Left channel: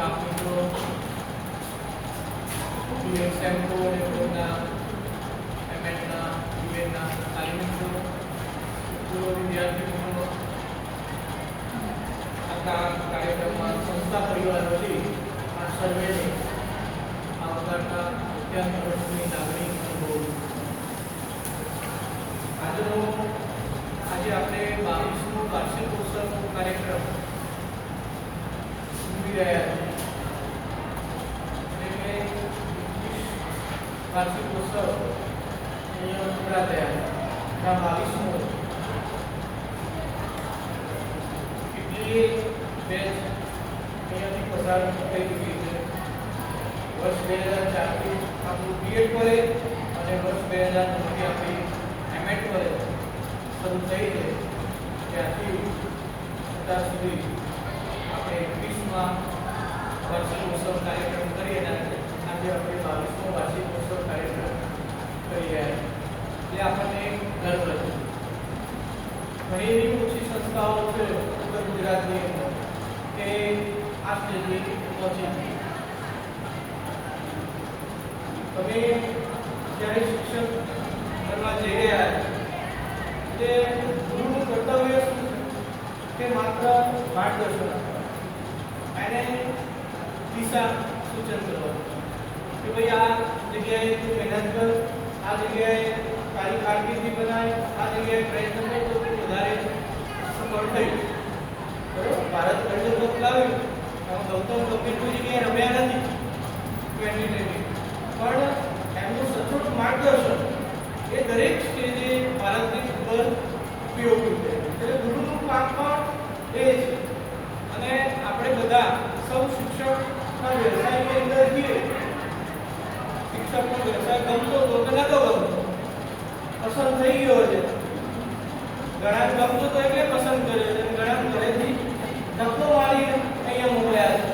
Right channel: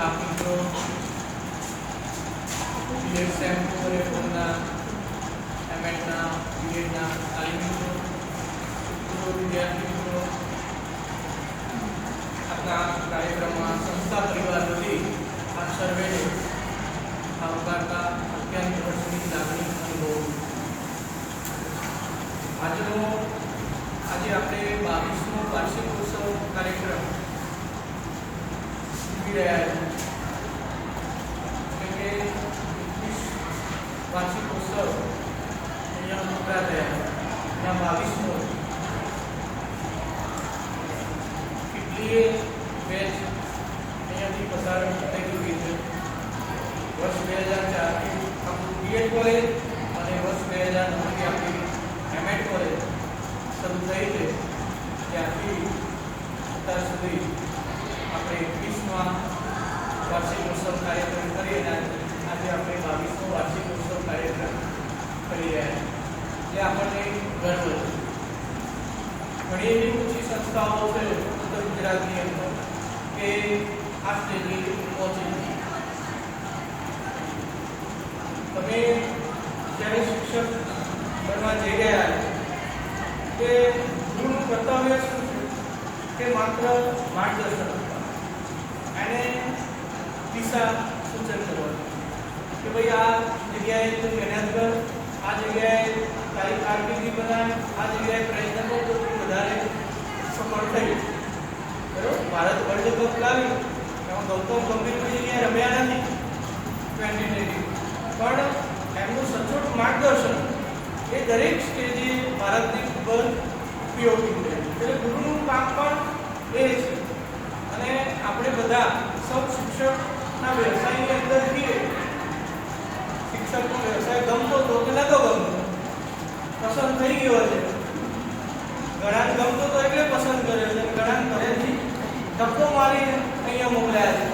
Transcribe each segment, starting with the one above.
Staff મિત્રો, BSM અને પૂર્વના એમએડના બીએડના તાલીમ મિત્રો, વિદ્યાર્થી મિત્રો, આપણા કાર્યક્રમમાં સંસ્થા પરિવારોથી આપ સર્વેને આવકારતા અત્યંત હર્ષની લાગણી અનુભવું. આજે આપણે 22મો વાર્ષિક ઉત્સવ કાર્યક્રમ ઉજવી રહ્યા છીએ. એટલે કે વાર્ષિક ઉત્સવ અહીંયા પૂરા થયા. 22મો કેટલી બેચ અહીંયાથી પસાર થઈ ચૂકી છે. વર્ષ 2004 થી આપણું બીએડ કોલેજ અને વર્ષ 2009 થી આપણી એમએડ કોલેજ શરૂ થઈ છે. ત્યારથી અત્યાર સુધી આપણે 21મા વાર્ષિક ઉત્સવ કાર્યક્રમ કરી રહ્યા છીએ. આજે આપણે 22મો વાર્ષિક ઉત્સવ કાર્યક્રમ કરી રહ્યા છીએ, જે આપણને ગર્વ છે. ઘણી એવી ઓછી સંસ્થાઓ છે ઉત્તર ગુજરાતની અંદર કે આ સ્ટેજે પહોંચી નથી. તમે જ્યારે શિક્ષક બનવા જઈ રહ્યા તે ગુરુનું કર્તવ્ય શું છે કે માત્ર માર્ગદર્શન આપવાનું, એને દિશા સૂચન કરવાનું કે ભાઈ આ જગ્યાએ તું મહેનત કર, આ જગ્યાએ તારી કારકિર્દી બનાય, આ જગ્યાએ પ્રયત્ન કર તો તું વધારે સફળ થઈ. બરોબર, ભારત વર્લ્ડ કપ લાવી એમાં ગૌતમ ગંભીર કોઈ જગ્યાએ રમ્યા નથી 2020, પણ એમનું સચોટ માર્ગદર્શન એ દરેક સ્ટેજે ભારતની ઉપર ઉપયોગી છે. એટલે ગુરુનું કામ પણ એ છે. અને આપણે બધા સૌ શિક્ષકના વ્યવસાયની અંદર છીએ. શિક્ષકનો વ્યવસાય ગમતો તો કે નતો ગમતો, પસંદ થઈ ગયો છે. ઘણા ગમતો તો એટલે પસંદ કર્યો છે, ઘણા ઘરેથી ધક્કો મારીને અહીંયા મોકલ્યા છે.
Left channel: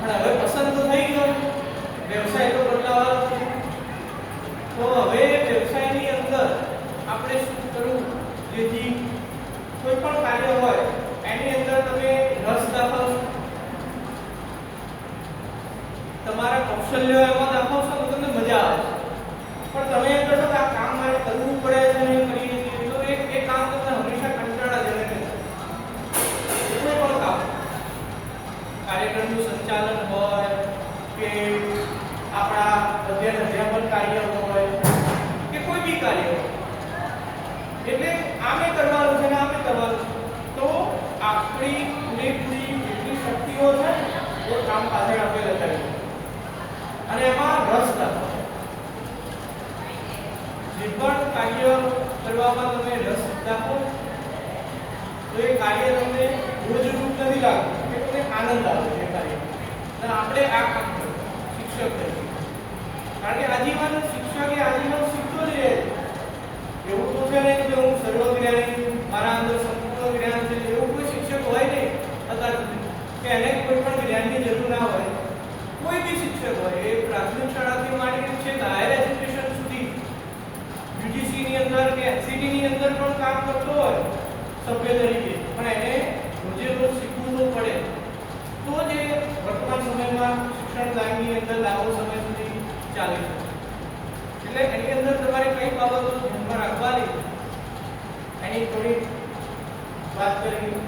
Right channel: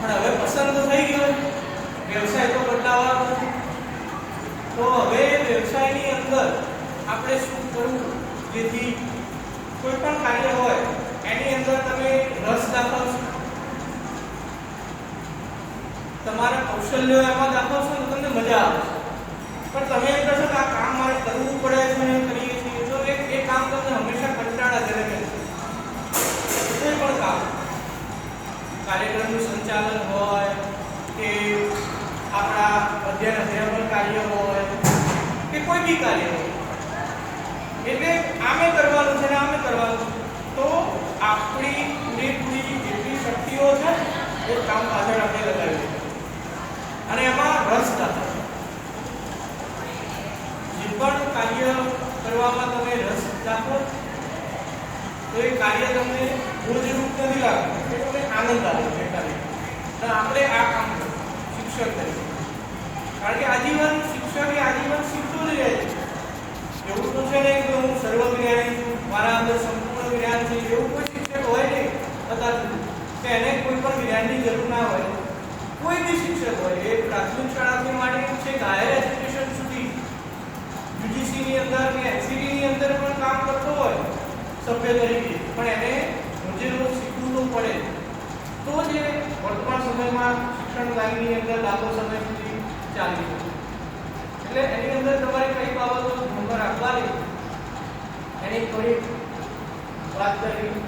પણ હવે પસંદ તો થઈ ગયો, વ્યવસાય તો બદલાવાનો નથી. તો હવે વ્યવસાયની અંદર આપણે શું કરવું જેથી કોઈ પણ કાર્ય હોય એની અંદર તમે રસ દાખવશો, તમારા કૌશલ્યો એમાં દાખવશો તો તમને મજા આવશે. પણ તમે એમ કહેશો કે આ કામ મારે કરવું પડે છે ને કરી તો એ કામ તમને હંમેશા કંટાળાજનક રહેશે. કોઈ પણ કામ, કાર્યક્રમનું સંચાલન હોય કે આપણા અધ્યાપન કાર્ય હોય કે કોઈ બી કાર્ય હોય, એટલે આમે કરવાનું છે ને આમે કરવાનું તો આપણી પૂરેપૂરી જેટલી શક્તિઓ છે એ કામ પાછળ આપણે લગાવી અને એમાં રસ દાખવો. જે પણ કાર્ય કરવામાં તમે રસ દાખવો તો એ કાર્ય તમને રોજરૂપ નથી લાગતું, એ તમને આનંદ આવે છે કાર્ય. આપણે આ કામ કરવું શિક્ષક તરીકે, કારણ કે આજીવન શિક્ષક એ આજીવન શીખતો જ રહે છે. એવું તો છે નહીં કે હું સર્વજ્ઞાની છું, મારા અંદર સંપૂર્ણ જ્ઞાન છે, એવું કોઈ શિક્ષક હોય નહીં અત્યાર સુધી કે એને કોઈ પણ જ્ઞાનની જરૂર ના હોય. કોઈ બી શિક્ષક હોય, એ પ્રાથમિક શાળાથી માંડીને છે હાયર એજ્યુકેશન સુધી યુજીસીની અંદર કે એનસીટીની અંદર પણ કામ કરતો હોય સભ્ય તરીકે, પણ એને રોજે રોજ શીખવું તો પડે તો જ વર્તમાન સમયમાં શિક્ષણ લાઈનની અંદર લાંબો સમય સુધી ચાલે છે. એટલે એની અંદર તમારે કઈ બાબતો ધ્યાનમાં રાખવાની એની થોડી વાત કરવી.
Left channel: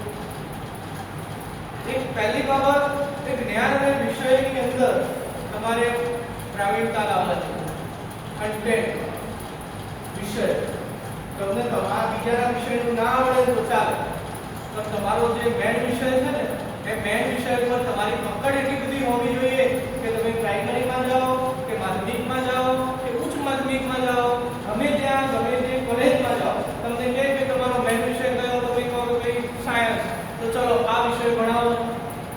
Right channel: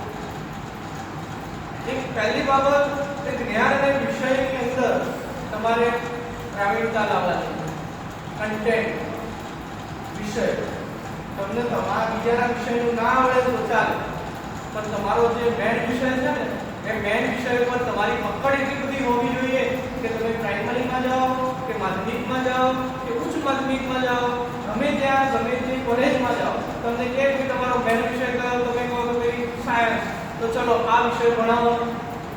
એક પહેલી બાબત એ જ્ઞાન અને વિષયની અંદર તમારે પ્રાવીણતા લાવવાની. કન્ટેન્ટ વિષય તમને તમારા બીજાના વિષયનું ના આવડે તો ચાલે, પણ તમારો જે મેન વિષય છે ને એ મેન વિષય પર તમારી પકડ એટલી બધી હોવી જોઈએ કે તમે પ્રાઇમરીમાં જાઓ કે માધ્યમિકમાં જાઓ કે ઉચ્ચ માધ્યમિકમાં જાઓ, ગમે ત્યાં ગમે તે કોલેજમાં જાઓ, તમને કહે કે તમારો મેન વિષય કયો, તમે કહો કે ભાઈ સાયન્સ, તો ચલો આ વિષય ભણાવો,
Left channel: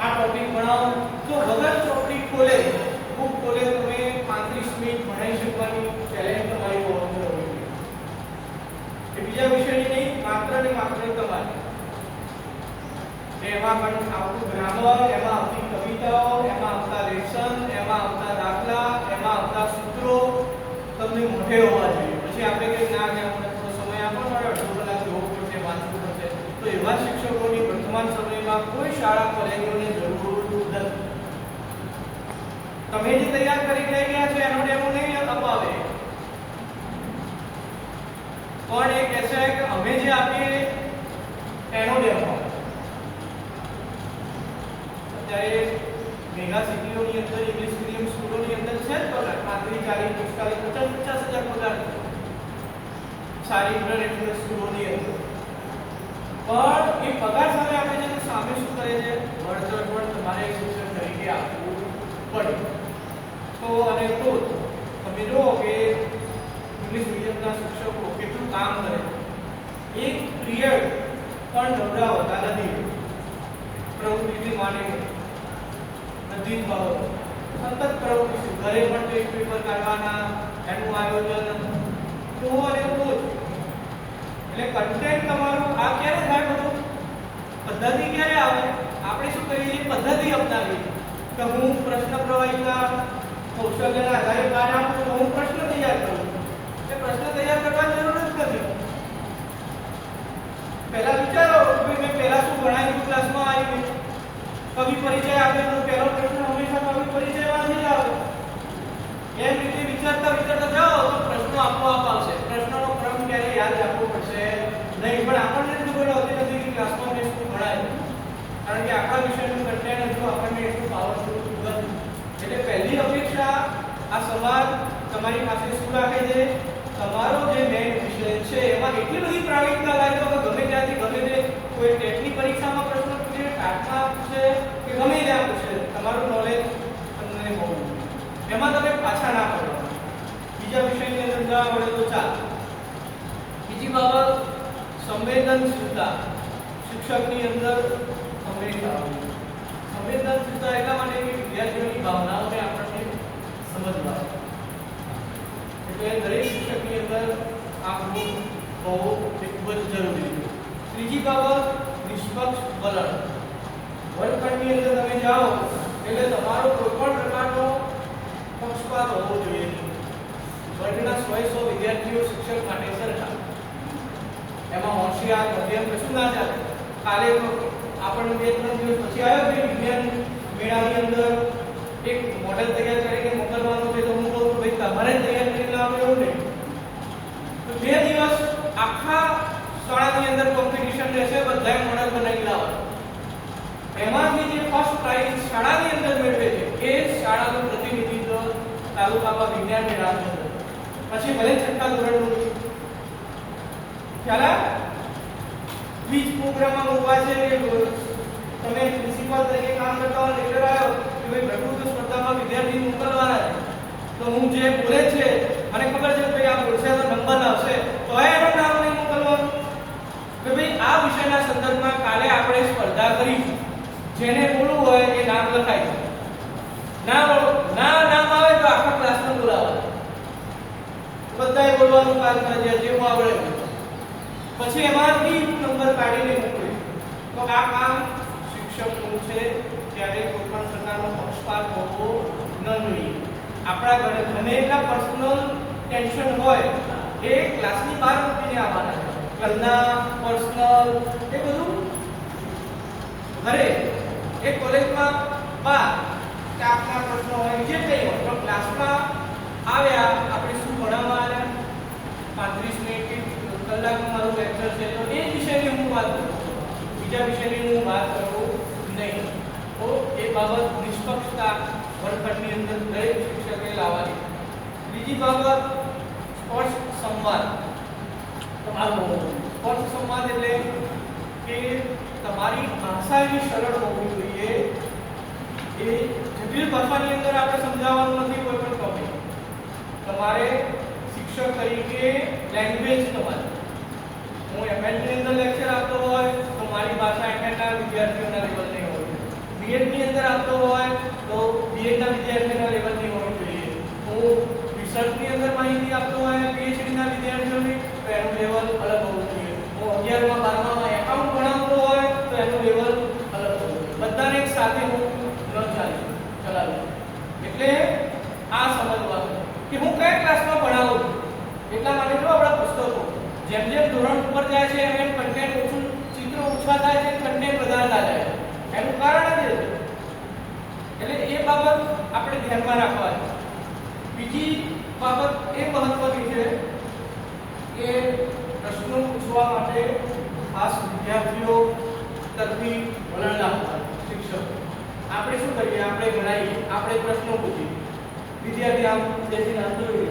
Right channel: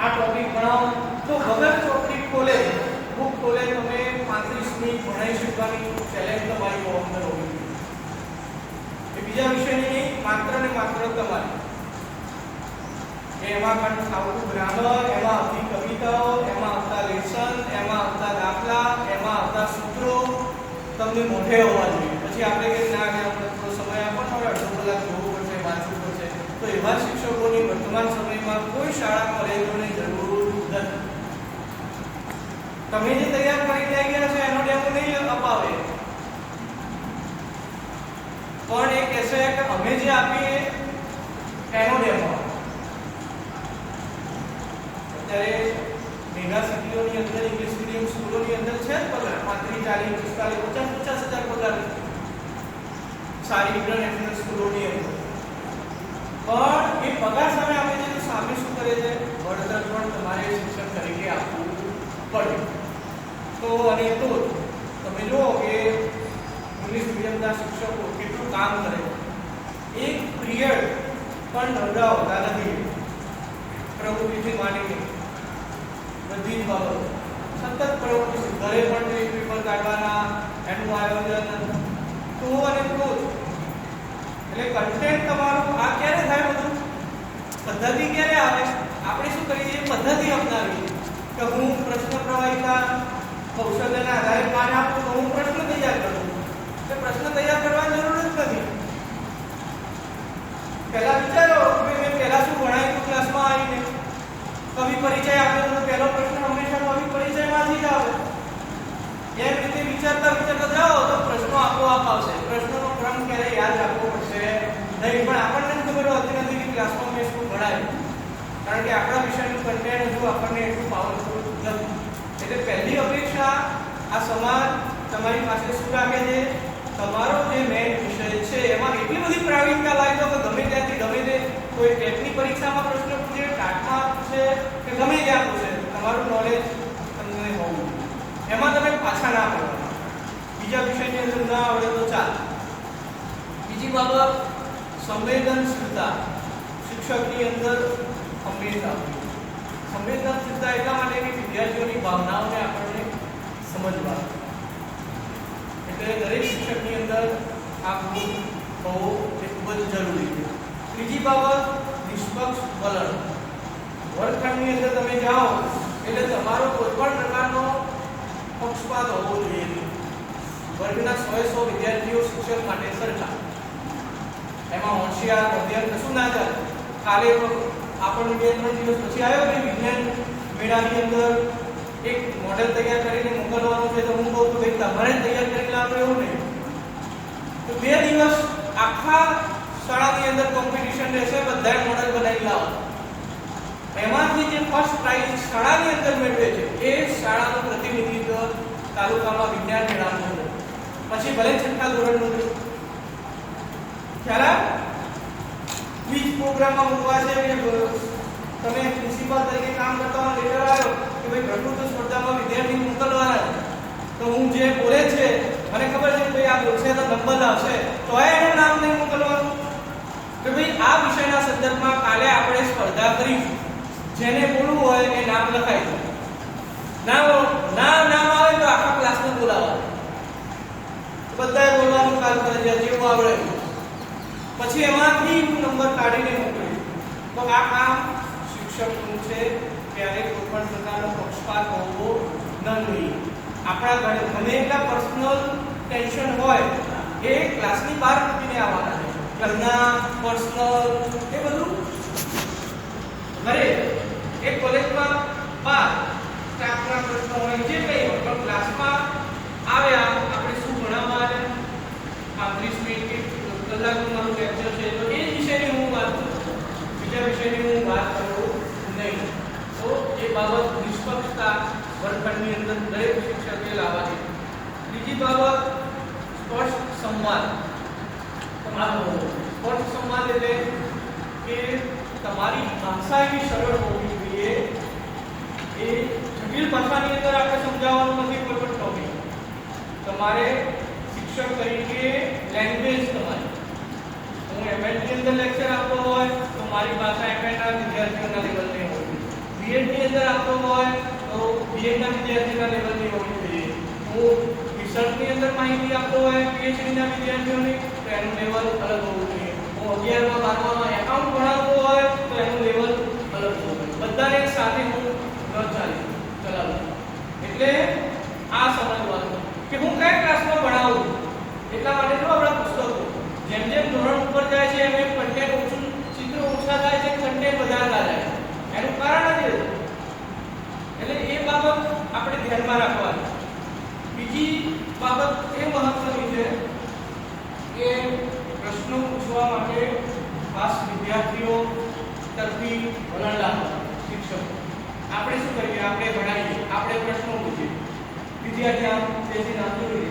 આ ટોપિક ભણાવો, તો વગર ચોપડી ખોલે બુક ખોલે તમે 35 મિનિટ ભણાવી શકવાની ચેલેન્જ તમારી બહુ અંદર હોવી જોઈએ. એ બીજા વિષયની નહીં, માત્ર ને માત્ર તમારી. એમાં પણ આવતું ગ્રામર, એમાં આવતી કવિતાઓ, એમાં આવતા લેસન, એમાં આવતા દાખલા, એમાં આવતા સૂત્રો તમને મોઢે હોવા જોઈએ. પછી આપણે કે ના કે આપણે થોડો સમય આપો ને, અડધો કલાક જોવું પડશે, વાંચવું પડશે, તો તો એવા શિક્ષકોની વર્તમાન સમયમાં કોઈ શાળા કોલેજોની જરૂર નથી. તમે જે તૈયાર કરી લઈ ગયા છે એનો ડેમો નહીં અપાવે, પણ એ કહેશે કે અમે જે આપીએ એનો ડેમો. અત્યારે મેગા સિટીઓની અંદર ઇંગ્લિશ મીડિયમ સ્કૂલોની અંદર છે પગાર 35, 40, 50 હજાર પગાર સારી ઇન્ટરનેશનલ સ્કૂલોની અંદર. પણ એ પગાર સામે આપણે જે સામે શું કરે છે, વળતર પણ તમારે શિક્ષક તરીકે આપવું પડે. તો અને તો તમે જુઓ કે ઇંગ્લિશ મીડિયમના શિક્ષકો કેટલું કામ કરે છે. એક પિરિયડ પણ નવરા હોતા નથી. પ્રવૃત્તિથી માંડીને બધી બાબતો સતત પ્રવૃત્તિ, ઘરે પણ જે પેપર કાઢવાના, એનું આયોજન તો અને તો એટલે કન્ટેન્ટ તમારું આ ક્યારે થાય, બધું પદ્ધતિ ક્યારે આવે. આપણે શું કરીએ, પદ્ધતિ અપનાવીએ કે હું પ્રશ્ન પ્રવાહિતા કૌશલ્યના આધારે કાર્ય આપું તો હું પ્રશ્ન તૈયાર કરું. એટલે પ્રશ્ન તૈયાર કરવાની જરૂર જ નથી. પહેલા વિચારો કે મેં પહેલા શું ભણાવ્યું ક્લાસમાં આવીને. કવિ પરિચય આપે તો પહેલો પ્રશ્ન હંમેશા કવિ પરિચયમાંથી જ આવે. એમ રીતે વિચારતા જાઓ તો પ્રશ્નો આપોઆપ આવશે. પ્રશ્નોનો ક્રમ ક્યારે યાદ રાખવો પડશે નહીં, પણ આપણને ખબર હોતી નથી કે ક્લાસમાં મેં શું ભણાવ્યું, કારણ કે આપણા વિષયનું કન્ટેન્ટ હજુ આપણને એટલું પાવરફુલ નથી. એટલે પહેલી અપેક્ષા આ સમાજ તમારી પાસે શું રાખે છે, તમારો જે મેઇન વિષય છે એમાં એટલી બધી પ્રાવીણતા લાવી દો કે ગમે ત્યાંથી ગમે તે કોઈ ટેટની પરીક્ષામાં પ્રશ્ન પૂછે, ટાટમાં પૂછે કે ગમે ત્યાં પૂછે, તમારું નોલેજ તમને હોવું, એમાં તમે પાછા ના પડો. બીજા વિષયની અંદર ના આવડે તો ચાલે. બીજી બાબત સંવેદનશીલતા શિક્ષકની અંદર હંમેશા. સંવેદનશીલતા એટલા માટે કે વિદ્યાર્થીઓની ભાવનાઓને આપણને સમજવા, એટલે દરેક શિક્ષકની અંદર આ ગુણ હોવો એ ખૂબ જ જરૂરી છે. ત્રીજી બાબત નિષ્પક્ષ વલણ. વર્ગખંડની અંદર તમે જાઓ એટલે તમારો કોઈ પણ પ્રકારનો પક્ષપાત હોવો જોઈએ. વર્ગના 100 વિદ્યાર્થીઓ શિક્ષક માટે સરખા, એમાં હોશિયાર મધ્યમ કશું ના ચાલે. કાલે તો આપણને 2-3 દિવસ પછી આવ્યો કે વિજ્ઞાન મેળાની અંદર એક મોડેલ તૈયાર કરીને મોકલવાનું છે, તો હું કહું કે ભાઈ તમારે તૈયાર કરીને લાવો એવું નહીં. તો 2 દિવસ આખા શાળાની અંદર કોમ્પિટિશન રહેશે, બધાએ મોડેલ બનાવી લાવો. એમાંથી જે ફર્સ્ટ પ્રાઇઝ શાળાની અંદર મેળવે છે એ શાળાનું પ્રતિનિધિત્વ તાલુકામાં વિજ્ઞાન મેળાનું છે. પછી ભલે 6થા ધોરણનું ખ્યાલ ક્વિઝ પ્રોગ્રામમાં મૂકવા છે કે તમે પ્રિન્સિપાલ તરીકે કામ કરતા હો, લેટર આવ્યો કે ભાઈ પ્રકૃતિ સ્પર્ધામાં વિદ્યાર્થી મોકલવાના, તો હું જે બોલે છે મને ખબર છે કે ભાઈ આ બોલશે તો નંબર આવશે, તો એનું નામ નહીં મોકલવાનું કે ભાઈ આ વિષયના સંદર્ભમાં કાલે આપણે સ્પર્ધા કરીશું, જેને બોલવું હોય એ નામ લખાઈ દે. નામ આવે તો આખા ક્લાસને બોલાવવા, બધાએ બોલવાનું કાલ કરે જેવું આવડે. પછી એમાંથી નંબર કાઢીને મોકલી. તો આ કામ શિક્ષકનું છે. ત્યારે કોઈ પણ પ્રકારનો પક્ષપાત હોવો ન જોઈએ. આપણા ગમે એટલા પર્સનલ ટેન્શન હોય એ ક્લાસની બહાર મૂકીને આવવાના છે. ઘરના પર્સનલ એ બધું ઘરે એક કોલેજમાં બહાર સ્ટાફના પ્રશ્નો હોય જે કંઈ હોય, પણ ક્લાસમાં આવ્યા આપણે શું ભણાવવા 35 મિનિટ કલાકનું મારું લેક્ચર છે, તો એ વિષયની હું વાત કરું, બીજા વિષયની હું વાત કરું નહીં. તો એ બાબત નિષ્પક્ષતા વર્ગખંડની અંદર દરેક શિક્ષકે લાવવાની. બીજી બાબત સ્પષ્ટ સંવાદ. સ્પષ્ટ સંવાદ એટલે કે તમારી ભાષા એવી સરળ હોવી જોઈએ. એ જટિલ ભાષાની અંદર આપણે સમજાવવાનું નથી કોઈ પણ ટોપિક. તમારે શિક્ષક તરીકે લેંગ્વેજ તમારી, હું એમએડની અંદર લેક્ચર આપતો હોય તો મારી ભાષા એમએડના વિદ્યાર્થીઓના લેવલની હોવી જોઈએ. બીએડની અંદર આપતો હોય તો બીએડના વિદ્યાર્થીઓના લેવલની હોવી જોઈએ. હું રિસર્ચની અંદર માહિતી આપતો હોય પીએચડીના વિદ્યાર્થીઓની તો એનું લેવલ અલગ હોવું જોઈએ. હું 11માં 12માં એકાઉન્ટ ભણાવતો હોય તો એનું લેવલ અલગ હોવું જોઈએ. બધાને એક સાથે હું ચલાવું. એટલે આ સમજવાનું કે હું કયા ક્લાસમાં ભણાવું. એટલા માટે જો આપણા પુસ્તકો જેમ જેમ ધોરણ ઉપર જાય છે એમ કન્ટેન્ટ ઓછું, ચિત્રો ઓછા થાય છે, કન્ટેન્ટ વધારતા જાય. એનું કારણ જ એટલે એ બાબત આપણે ધ્યાનમાં રાખવાની. બીજી બાબત એ મહત્વની છે કે પ્રશ્નો પૂછવા માટે ખાસ વિદ્યાર્થીઓ તરફી વલણ લાવવું. શિક્ષકો આપણે શું કરીએ? આપણે ભણાવીએ, આપણે પ્રશ્નો પૂછીએ, વિદ્યાર્થી આમ બેસીને આમ જોઈ લે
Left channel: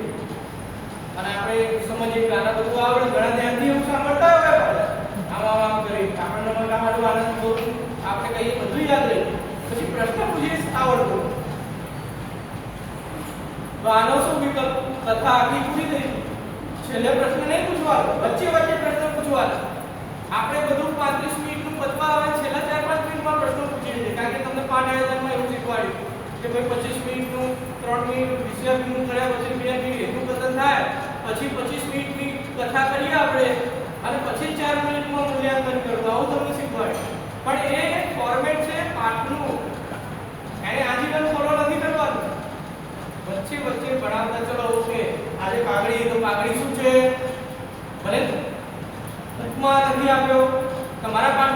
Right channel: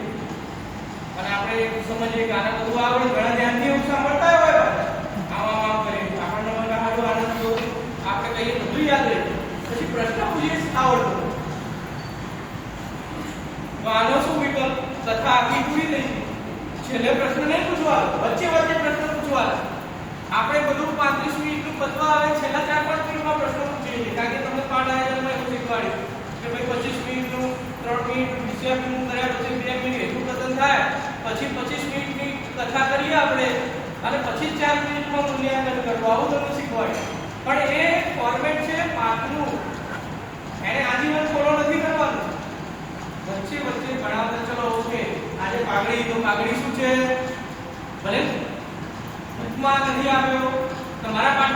અને આપણે સમજીએ કે આના બધું આવડે, ઘણા ધ્યાનથી સાંભળતા હોય આમ આમ કરી આપણને સારું આનંદ થયો, આપણે કહીએ બધું યાદ રહે. પછી પ્રશ્ન પૂછીએ આવડતો તો આનો શું વિકલ્પ? તથા આખી પૂરી થઈ. છેલ્લે પ્રશ્ન નહીં પૂછવાનો, વચ્ચે વચ્ચે પ્રશ્ન પૂછવાના. આપણે બધું 35 મિનિટનું પતવા આવે, છેલ્લા 4-5 મિનિટમાં પ્રશ્નો પૂછીએ છીએ, કારણ કે તમને પાઠ આયોજનમાં એવું શીખવાડ્યું કે ભાઈ 25 મિનિટનું 3 મિનિટ વિષયનું કર્યા પછી 2 મિનિટ એટલું કથન થાય, પછી 25 મિનિટની કથા કરીએ આપણે અને પછી 4 મિનિટમાં મૂલ્યાંકન કરવું. આવું તમને શીખવાડ્યું. પણ એ ફોર્મેટ છે પાઠનું, એને આજીવન ફોલો નથી કરવાનું. વચ્ચે વચ્ચે ભણાવતા ચલો ઓકે આજે પાઘડી, તો પાઘડી શું છે ભલે ઉપમા નથી આવ્યો તમારા પાઠ